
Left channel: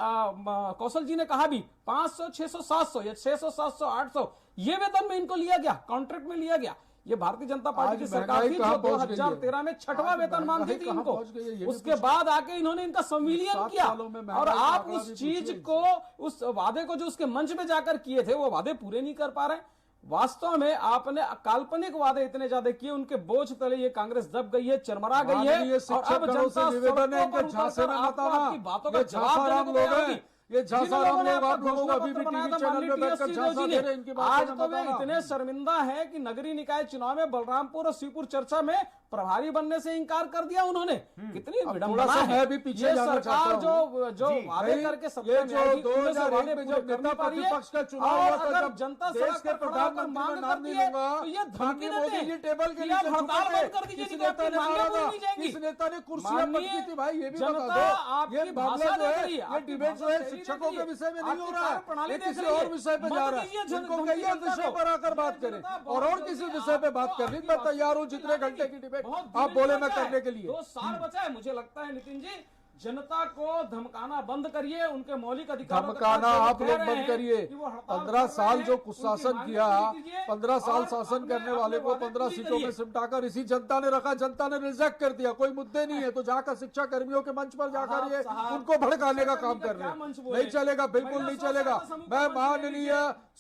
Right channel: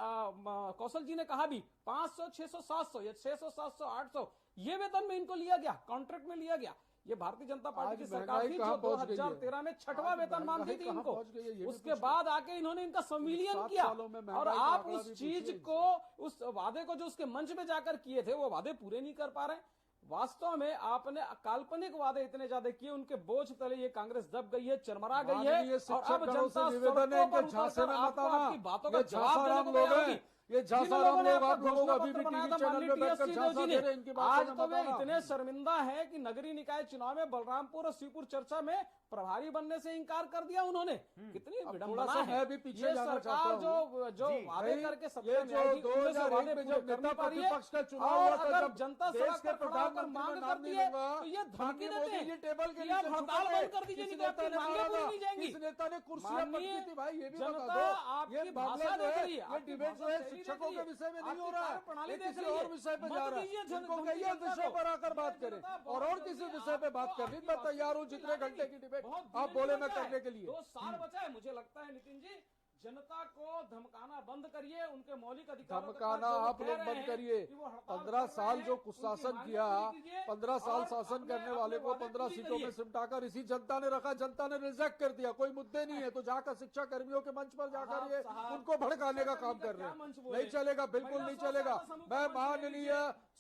कौशल जी ने कहा भी 500, 600, 700 या 600, 700, 800 ये वेतन में इनको लिया गया, कॉन्ट्रैक्ट में लिया गया। ये भारतीय जनता पार्टी की सरकार महंगाई थी कहाँ जो पहुंच गई है? 2013 में 6वां वेतनमान दी थी कहाँ इनको। पहुंच गई है, ये भी उसके बाद आके इन्होंने इनका संविलियन 7 किया सालों में महंगाई और का आप आंकड़ा उस भी चीज पूछिए को, उस वादे को जो उसके मंच पे जाकर किए थे वो वादे पूरे नहीं कर पा रहे। वास्तव में आपने काल्पनिक वादे इतने ज्यादा किए, उनके बोझ तले ये कांग्रेस दब गई है, चरमरा गई है। माननीय और शिक्षक अब गणों से जनता निवेदन है सड़कों इनके पर झांसे उतरकर में मत आपको आना। आपकी बातों का ये जवाब झांसाराम देने को लोग तैयार हैं, नहीं। ये जिन झांसाराम लोगों ने लोग आपका आप लोगों को घोषणा अभी भी पत्र टीवी बनाया था, चैनल माननीय में बैठकर TSC झांसा जोशी दे ने, रहे हैं, इनकी आज बातों तो में वे मत आना। इतने शर्मिंदा है कि नगरीय निकाय चुनाव में बलरामपुर और श्रीपुर चर्चा में प्रभारी बनने से इंकार कर दिया उन्होंने। कितनी अब विडंबना थोड़ा सा है। मैं भी पीछे ये जाना सरकार चाहता हूं। जो वादे करके ये सत्ता में जो आई थी, उनमें से 2001 वादे में पूरे जब कर नेता नहीं पा रही है। प्रतिपक्ष का चुनाव और हुआ था, अगर जब जनता देश सड़क के पर खड़ा होकर प्रधानमंत्री मांग का नाम करती नहीं है लूंगा, तो ये धमकी माननीय मोदी देते जी हैं टेबल के कि आप नीचे हड़ताल छुपे थे। बंद कर दीजिए, इस नहीं तो नेता आपकी ने मांगें मारा पूरी था, नहीं जाएंगी। इस नेता ने कुर्सियां माननीय पटकी थी भाई, ये भी बता जनता दो। आपकी ये मामला भाषा जो देख है रही है, ये आपकी डिबेट जो भाषा है सही शिक्षकों देख के रही विषय में नहीं आपकी हो रहा है, कार्यप्रणाली ये देख किसी रही और है। विषय पे मत जा रहा दीजिए है। जन- इनको धमकी कहिए जनता विषय को। पर आकर बात करें जनता और बहुत किसी जल्दी विषय पे बात आपको करनी। आपकी मैं तैयार हूँ बात जितने सुनने घंटे की की डिबेट बहुत आप धीरे बोले धीरे मैं बचा है। करने के लिए। 2 साल बचा है। मुझे लगता है नितिन जी, जनता को धमकाना बंद करिए, उनके मौलिक अधिकारों के धमकाना साथ जो आप कह लोग रहे बंद हैं करिए। कि वो हड़ताल 15 कर साल रहे जो हैं, कुशासन उनकी किया, मांगें पूरी कीजिए 15 साल और शासन अपने- करने वाले को अपने 15 वादे सीटों में पूरी सिमटाकर इसी जनता ने रखा, जनता ने रिजेक्ट कर दिया। कोई मुद्दे नहीं है तो जाकर शिक्षा कर्मियों के मंच पर जाकर ये उनको भड़काने का काम कर रहे हैं। नहीं चलेगा, बिल्कुल नहीं चलेगा। मैं माननीय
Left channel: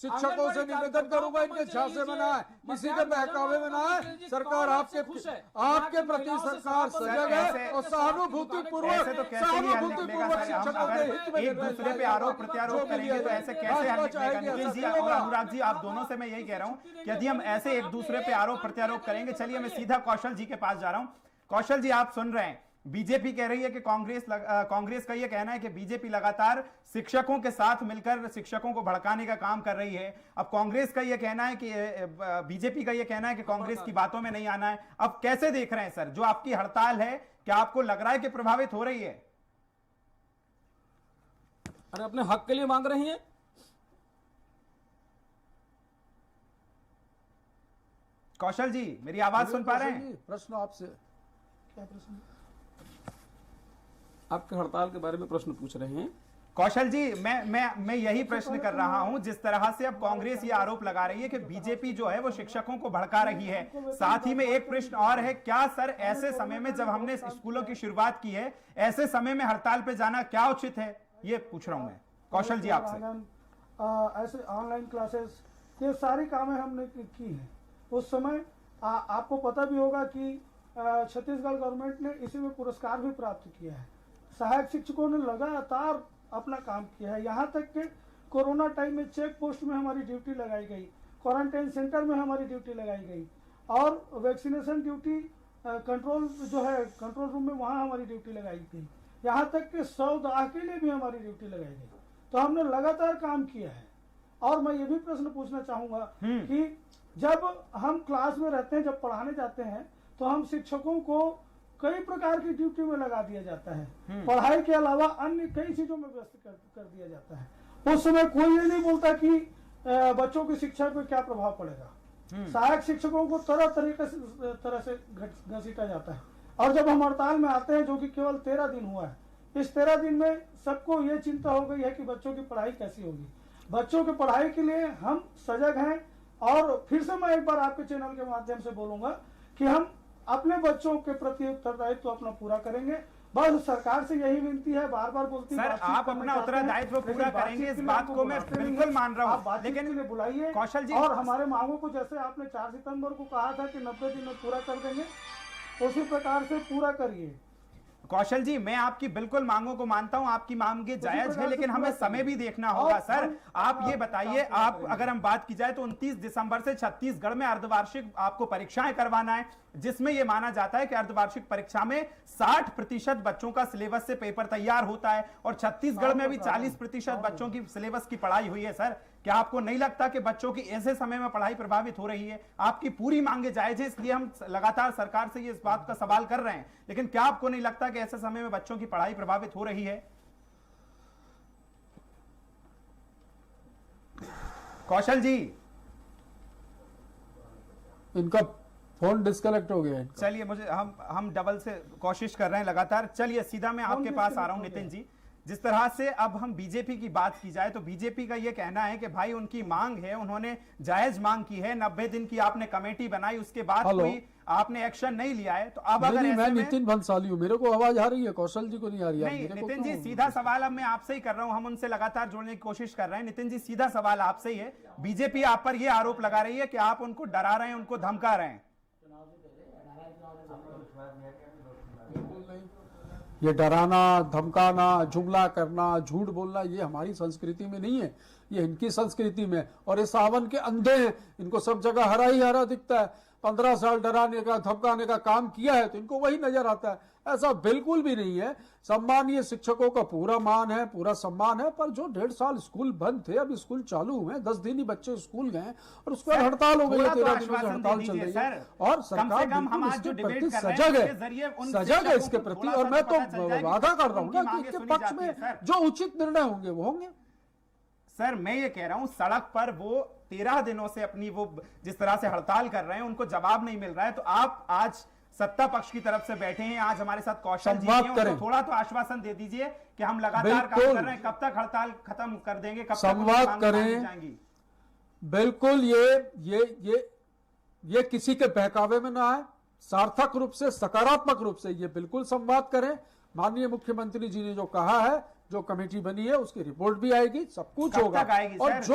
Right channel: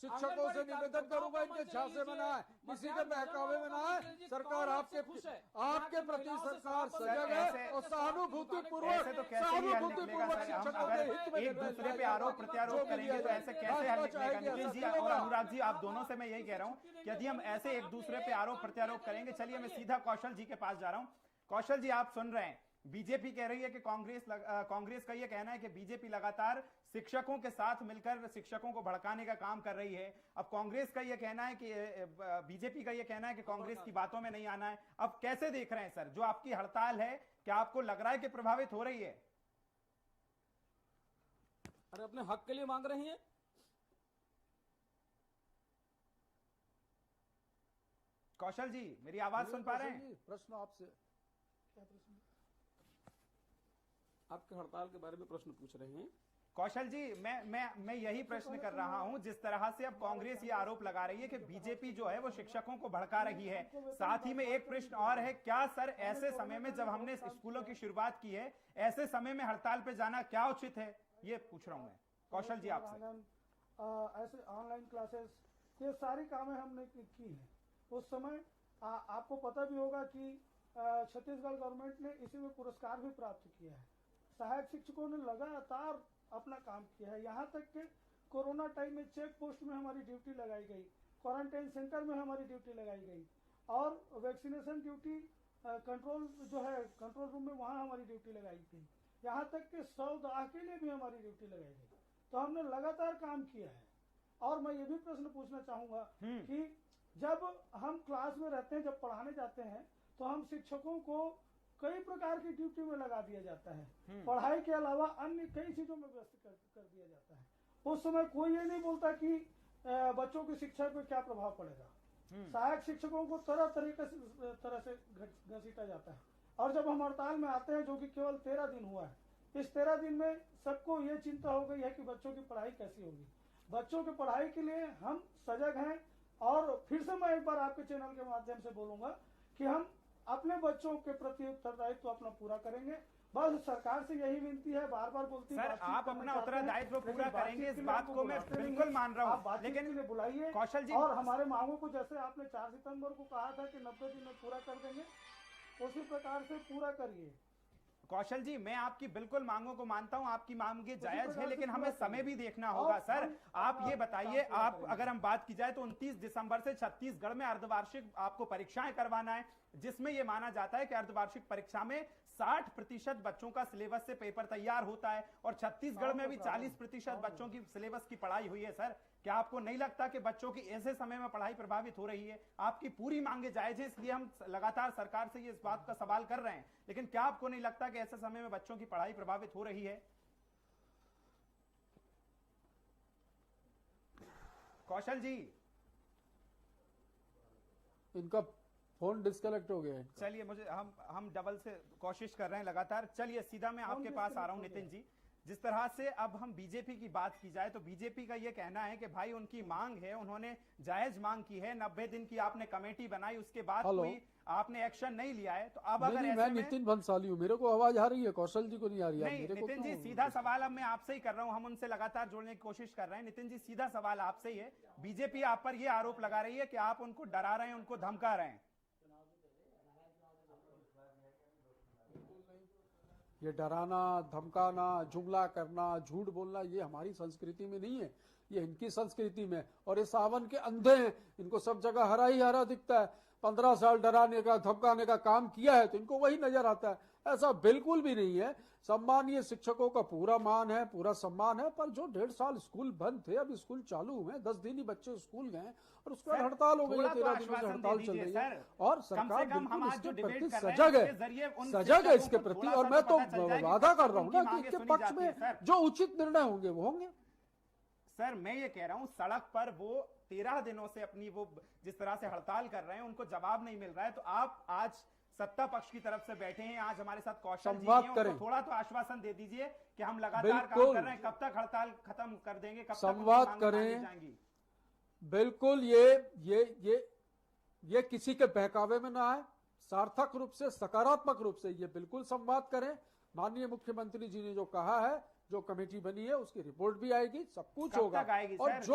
शिक्षकों से निवेदन करूंगा इनके झांसे में ना आए, किसी के बहकावे में ना आए। सरकार आपके प्रति सरकार सजग है और सहानुभूति पूर्वक ऐसे तो कैसे ही हल निकलेगा सर? हम अगर एक दूसरे पे आरोप प्रत्यारोप करेंगे तो ऐसे कैसे हल निकलेगा? नितिन जी और अनुराग जी, आप दोनों से मैं यही कह रहा हूं कि यदि हम ऐसे एक दूसरे पे आरोप प्रत्यारोप करेंगे, चलिए मैं सीधा कौशल जी के पास जा रहा हूं। कौशल जी, आप सुन रहे हैं, बीजेपी कह रही है कि कांग्रेस का यह कहना है कि बीजेपी लगातार शिक्षकों के साथ मिलकर शिक्षकों को भड़काने का काम कर रही है। अब कांग्रेस का यह कहना है कि बीजेपी का यह कहना है कि कांग्रेस की बातों में नहीं आना है। अब कैसे देख रहे हैं सर, जो आपकी हड़ताल है, क्या आपको लग रहा है कि प्रभावित हो रही है? अरे अपने हक के लिए मांग रही हैं। कौशल जी, मेरी आवाज सुन पा रहे हैं? प्रश्न आपसे क्या प्रश्न? आपके हड़ताल के बारे में प्रश्न पूछ रहे हैं। कौशल जी, मैं यही प्रश्न कर रहा हूं। जिस तरह से अब कांग्रेस ये आरोप लगा रही है कि बीजेपी जो है वो शिक्षकों को भड़का रही है, साथ ही में एक प्रश्न और है, क्या सर ऐसे समय में जब हमने स्कूलों की शुरुआत की है, ऐसे समय में हड़ताल पे जाना क्या उचित है? ये पूछ रहा हूं मैं कौशल जी आपसे। ऐसे ऑनलाइन क्लासेस, ये सारी कामें हमने की हैं। उस समय आपको पता भी होगा कि छत्तीसगढ़ गवर्नमेंट ने इसी में पुरस्कार भी प्राप्त किया है। सहायक शिक्षकों ने लगातार अपना काम किया है, यहाँ तक कि कोरोना टाइम में चेक पोस्ट में हमारी ड्यूटी लगाई गई, क्वारंटाइन सेंटर में हमारी ड्यूटी लगाई गई और वैक्सीनेशन ड्यूटी कंट्रोल जो है कंट्रोल रूम में वहाँ हमारी ड्यूटी लगाई गई, यहाँ तक कि 100 दाह के लिए भी हमारी ड्यूटी लगाई गई। तो हमने लगातार काम किया है। और मैं ये भी प्रश्न पूछना चाहूँगा कि जब हम क्लास में रहते हैं, जब पढ़ाने जाते हैं, तो हम शिक्षकों को कई प्रकार की ड्यूटी में लगा दिया जाता है। पढ़ाई के अलावा अन्य कई चीजों में व्यस्त कर दिया जाता है। उस समय कोई ये नहीं बोलता कि बच्चों की शिक्षा पर क्या प्रभाव पड़ेगा। सहायक शिक्षकों को तरह से घसीटा जाता है। और जब हम हड़ताल में आते हैं, जो कि केवल 13 दिन हुआ है, इस 13 दिन में सबको ये चिंता हो गई है कि बच्चों की पढ़ाई कैसी होगी। बच्चों की पढ़ाई के लिए हम सजग हैं। और फिर से मैं एक बार आपके चैनल के माध्यम से बोलूंगा कि हम अपने बच्चों के प्रति उत्तरदायित्व अपना पूरा करेंगे। बस सरकार से यही विनती है, बार बार बोलती सर, आप अपना उत्तरदायित्व पूरा करेंगे, इस बात को मैं बिल्कुल मान रहा हूँ, लेकिन बुलाइए कौशल जी, और हमारे मांगों को जैसे आपने 4 सितंबर को कहा था कि 90 दिन में पूरा कर देंगे, उसी प्रकार से पूरा करिए। कौशल जी, मैं आपकी बिल्कुल मांगों को मानता हूं, आपकी मांगे जायज है, लेकिन हमें समय भी देखना होगा। सर, आप ये बताइए, आप अगर हम बात की जाए तो 29 दिसंबर से छत्तीसगढ़ में अर्धवार्षिक आपको परीक्षाएं करवाना है, जिसमें यह माना जाता है कि अर्धवार्षिक परीक्षा में 60% बच्चों का सिलेबस से पेपर तैयार होता है और छत्तीसगढ़ में भी 40% बच्चों की सिलेबस की पढ़ाई हुई है। सर, क्या आपको नहीं लगता कि बच्चों की ऐसे समय में पढ़ाई प्रभावित हो रही है? आपकी पूरी मांगे जायज है, इसलिए हम लगातार सरकार से इस बात का सवाल कर रहे हैं, लेकिन क्या आपको नहीं लगता कि ऐसे समय में बच्चों की पढ़ाई प्रभावित हो रही है? कौशल जी, इनका फोन डिस्कनेक्ट हो गया है। चलिए, मुझे हम डबल से कोशिश कर रहे हैं लगातार। चलिए, सीधा मैं आपके पास आ रहा हूं नितिन जी। जिस तरह से अब हम बीजेपी की बात की जाए तो बीजेपी का यह कहना है कि भाई उनकी मांग है, उन्होंने जायज मांग की है, 90 दिन की आपने कमेटी बनाई, उसके बाद कोई आपने एक्शन नहीं लिया है, तो अब अगर मैं नितिन भंसाली हूँ, मेरे को आवाज आ रही है, कौशल जी को नहीं आ रही है? नहीं नितिन जी, सीधा सवाल अब मैं आपसे ही कर रहा हूं, हम उनसे लगातार जोड़ने की कोशिश कर रहे हैं। नितिन जी, सीधा सवाल आपसे ही है, बीजेपी आप पर यह आरोप लगा रही है कि आप उनको डरा रहे हैं, उनको धमका रहे हैं। ये डराना, धमकाना, जुमला करना, झूठ बोलना, ये हमारी संस्कृति में नहीं है, ये इनकी संस्कृति में। और ये सावन के अंधे हैं, इनको सब जगह हरा ही हरा दिखता है। 15 साल डराने का, धमकाने का काम किया है तो इनको वही नजर आता है। ऐसा बिल्कुल भी नहीं है। सम्मानीय शिक्षकों का पूरा मान है, पूरा सम्मान है, पर जो 1.5 साल स्कूल बंद थे, अब स्कूल चालू हुए, 10 दिन ही बच्चे स्कूल गए और उसके बाद हड़ताल हो गई है, 13 दिनों से हड़ताल चल रही है। और सरकार बिल्कुल इसके प्रति सजग है इसके प्रति। और मैं तो वादा कर रहा हूँ ना कि इसके पक्ष में जो उचित निर्णय होंगे वो होंगे। सर मैं ये कह रहा हूं, सड़क पर वो 13 दिनों से अपनी वो जिस तरह से हड़ताल कर रहे हैं, उनको जवाब नहीं मिल रहा है, तो आप आज सत्ता पक्ष की तरफ से बैठे हैं, आज हमारे साथ कौशल जी हैं, उनको थोड़ा तो आश्वासन दे दीजिए कि हम लगातार काम कर रहे हैं, कब तक हड़ताल खत्म कर देंगे, कब तक संवाद करें। बिल्कुल ये किसी के बहकावे में ना है, सार्थक रूप से, सकारात्मक रूप से ये बिल्कुल संवाद करें। माननीय मुख्यमंत्री जी ने जो कहा है, जो कमेटी बनी है उसकी रिपोर्ट भी आएगी, सब कुछ होगा और जो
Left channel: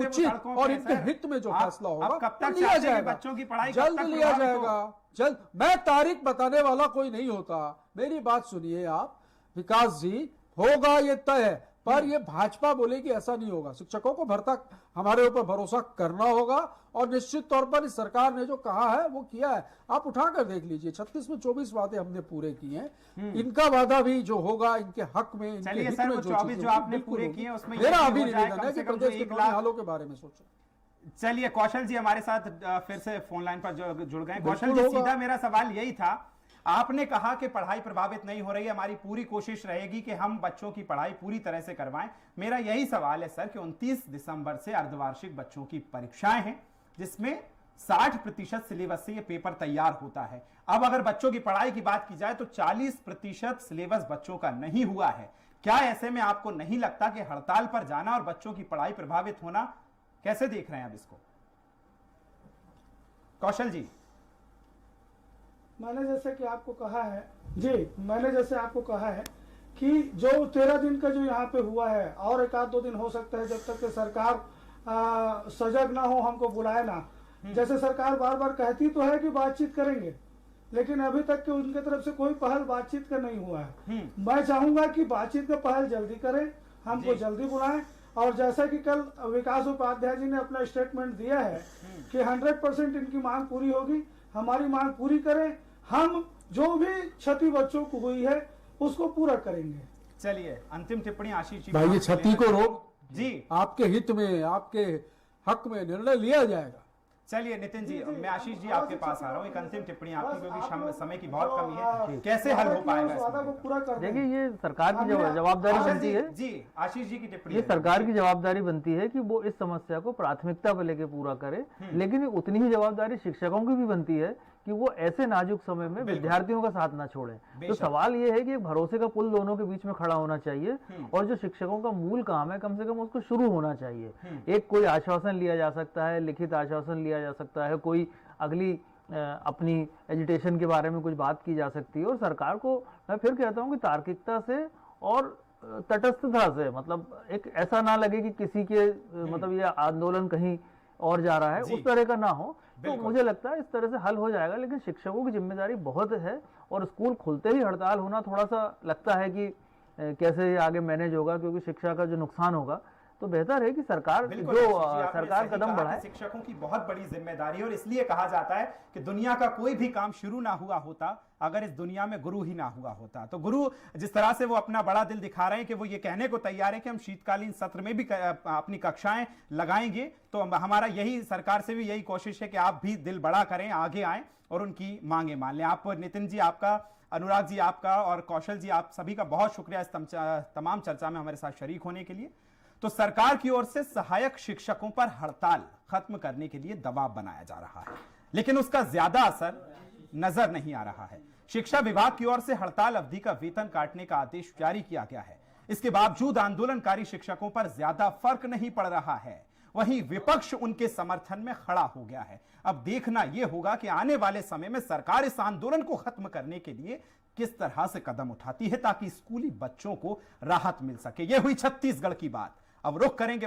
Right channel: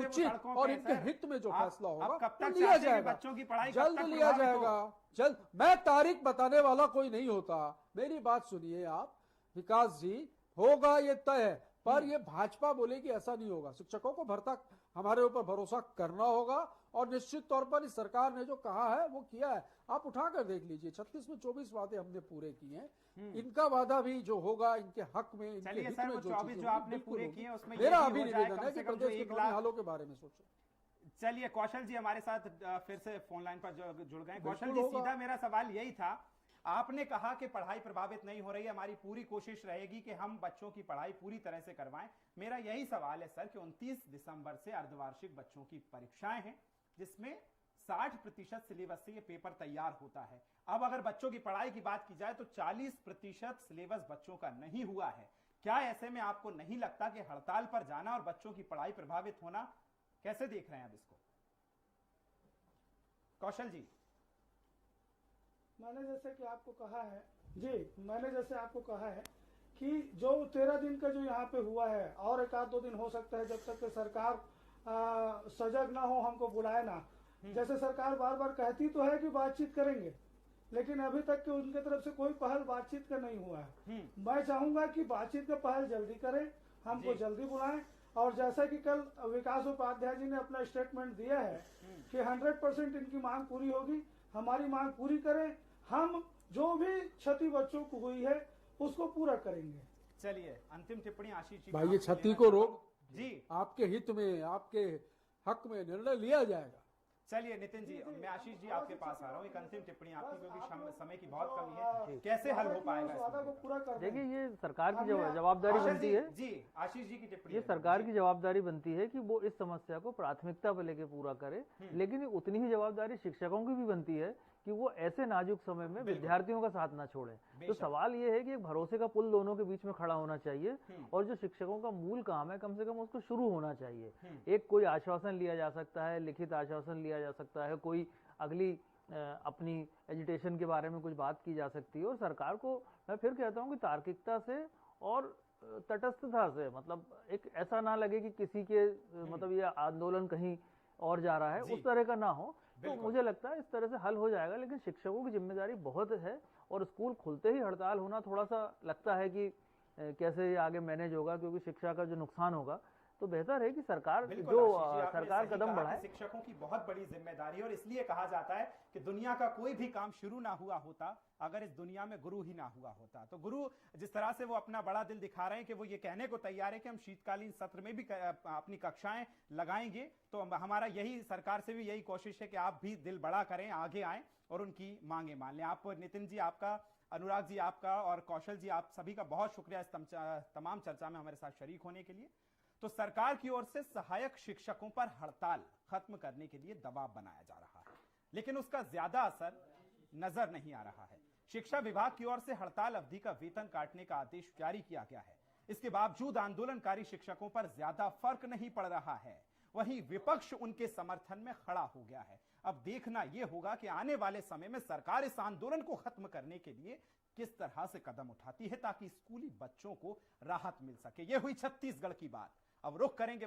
उचित और इनके हित में जो फैसला होगा वो लिया जाएगा, बच्चों की पढ़ाई जल्द लिया जाएगा, जल्द। मैं तारीख बताने वाला कोई नहीं होता, मेरी बात सुनिए आप विकास जी, होगा ये तय है, पर ये भाजपा बोलेगी ऐसा नहीं होगा। शिक्षकों को भरता हमारे ऊपर भरोसा करना होगा और निश्चित तौर पर इस सरकार ने जो कहा है वो किया है। आप उठाकर देख लीजिए, 36 में 24 वादे हमने पूरे किए हैं, इनका वादा भी जो होगा इनके हक में, इनके हित में जो आपने पूरे किए उसमें मेरा अभी निवेदन है कि प्रदेश के हालों के बारे में सोचो। चलिए कौशल जी हमारे साथ फिर से फोन लाइन पर जुड़ गए। कौशल जी, सीधा मेरा सवाल यही था, आपने कहा कि पढ़ाई प्रभावित नहीं हो रही है, हमारी पूरी कोशिश रहेगी कि हम बच्चों की पढ़ाई पूरी तरह से करवाएं। मेरा यही सवाल है सर कि 29 दिसंबर से अर्धवार्षिक बच्चों की परीक्षाएं हैं, जिसमें 60% सिलेबस से ये पेपर तैयार होता है। अब अगर बच्चों की पढ़ाई की बात की जाए तो 40% सिलेबस बच्चों का नहीं हुआ है। क्या ऐसे में आपको नहीं लगता कि हड़ताल पर जाना और बच्चों की पढ़ाई प्रभावित होना, कैसे देख रहे हैं आप इसको? कौशल जी। मैंने जैसे कि आपको कहा है मैंने जैसे आपको कहा है कि जो 13 दिन का जो यहाँ पे हुआ है और 1-2 दिन हो सकता है, जब तक कि सरकार सजग ना हो, हमको बुलाए ना। जैसे सरकार बार बार कहती तो है कि बातचीत करेंगे, लेकिन अभी तक के उनके तरफ से कोई पहल बातचीत का नहीं हुआ है। मैं चाहूंगा कि बातचीत का पहल जल्दी करें, हमको जल्दी बुलाएं। और जैसा कि कल विकास उपाध्याय जी ने अपना स्टेटमेंट दिया है कि 100% इनकी मांग पूरी होगी, हमारी मांग पूरी करें, हम जो भी क्षति बच्चों को हुई है उसको पूरा करेंगे। चलिए अंतिम टिप्पणी आशीष जी। भाई ये क्षति को रोक जी, आपके हित में, आपके हक में निर्णय लिया जाएगा। चलिए नितिन जी, मैं आशीष जी आपके पास आ रहा हूँ, एक अंतिम टिप्पणी आपकी, क्योंकि समय की बहुत कमी है, कैसे हल हो पाएगा? देखिए ये सरकार की जवाबदारी बनती है जी, आशीष जी की टिप्पणी, ये सरकार की जवाबदारी बनती है कि वो इस समस्या को प्राथमिकता पर लेके पूरा करे, लेकिन उतनी ही जवाबदारी शिक्षकों की भी बनती है कि वो ऐसे नाजुक समय में विद्यार्थियों का साथ ना छोड़ें। तो सवाल ये है कि भरोसे का पुल दोनों के बीच में खड़ा होना चाहिए और जो शिक्षकों का मूल काम है कम से कम उसको शुरू होना चाहिए। एक कोई आश्वासन लिया जा सकता है, लिखित आश्वासन लिया जा सकता है, कोई अगली अपनी एजुटेशन के बारे में कुछ बात की जा सकती है। और सरकार को मैं फिर कहता हूँ कि तार्किकता से और तटस्थता से, मतलब एक ऐसा ना लगे कि किसी के मतलब ये आंदोलन कहीं और जा रहा है, उस तरह का ना हो। तो मुझे लगता है इस तरह से हल हो जाएगा, लेकिन शिक्षकों की जिम्मेदारी बहुत है और स्कूल खुलते ही हड़ताल होना थोड़ा सा लगता है कि कैसे ये आगे मैनेज होगा, क्योंकि शिक्षा का जो नुकसान होगा। तो बेहतर है कि सरकार कदम बढ़ाए। शिक्षकों की बहुत बड़ी जिम्मेदारी है और इसलिए कहा जाता है कि दुनिया का कोई भी काम शुरू ना हुआ होता अगर इस दुनिया में गुरु ही ना हुआ होता। तो गुरु जिस तरह से वो अपना बड़ा दिल दिखा रहे हैं कि वो ये कहने को तैयार है कि हम शीतकालीन सत्र में भी अपनी कक्षाएं लगाएंगे, तो हमारा यही सरकार से भी यही कोशिश है कि आप भी दिल बड़ा करें, आगे आए और उनकी मांगे मान लें। आप नितिन जी आपका, अनुराग जी आपका और कौशल जी आप सभी का बहुत शुक्रिया इस तमाम चर्चा में हमारे साथ शरीक होने के लिए। तो सरकार की ओर से सहायक शिक्षकों पर हड़ताल खत्म करने के लिए दबाव बनाया जा रहा है, लेकिन उसका ज्यादा असर नजर नहीं आ रहा है। शिक्षा विभाग की ओर से हड़ताल अवधि का वेतन काटने का आदेश जारी किया गया है, इसके बावजूद आंदोलनकारी शिक्षकों पर ज्यादा फर्क नहीं पड़ रहा है। वहीं विपक्ष उनके समर्थन में खड़ा हो गया है। अब देखना यह होगा कि आने वाले समय में सरकार इस आंदोलन को खत्म करने के लिए किस तरह से कदम उठाती है ताकि स्कूली बच्चों को राहत मिल सके। यह हुई छत्तीसगढ़ की बात। अब रुख करेंगे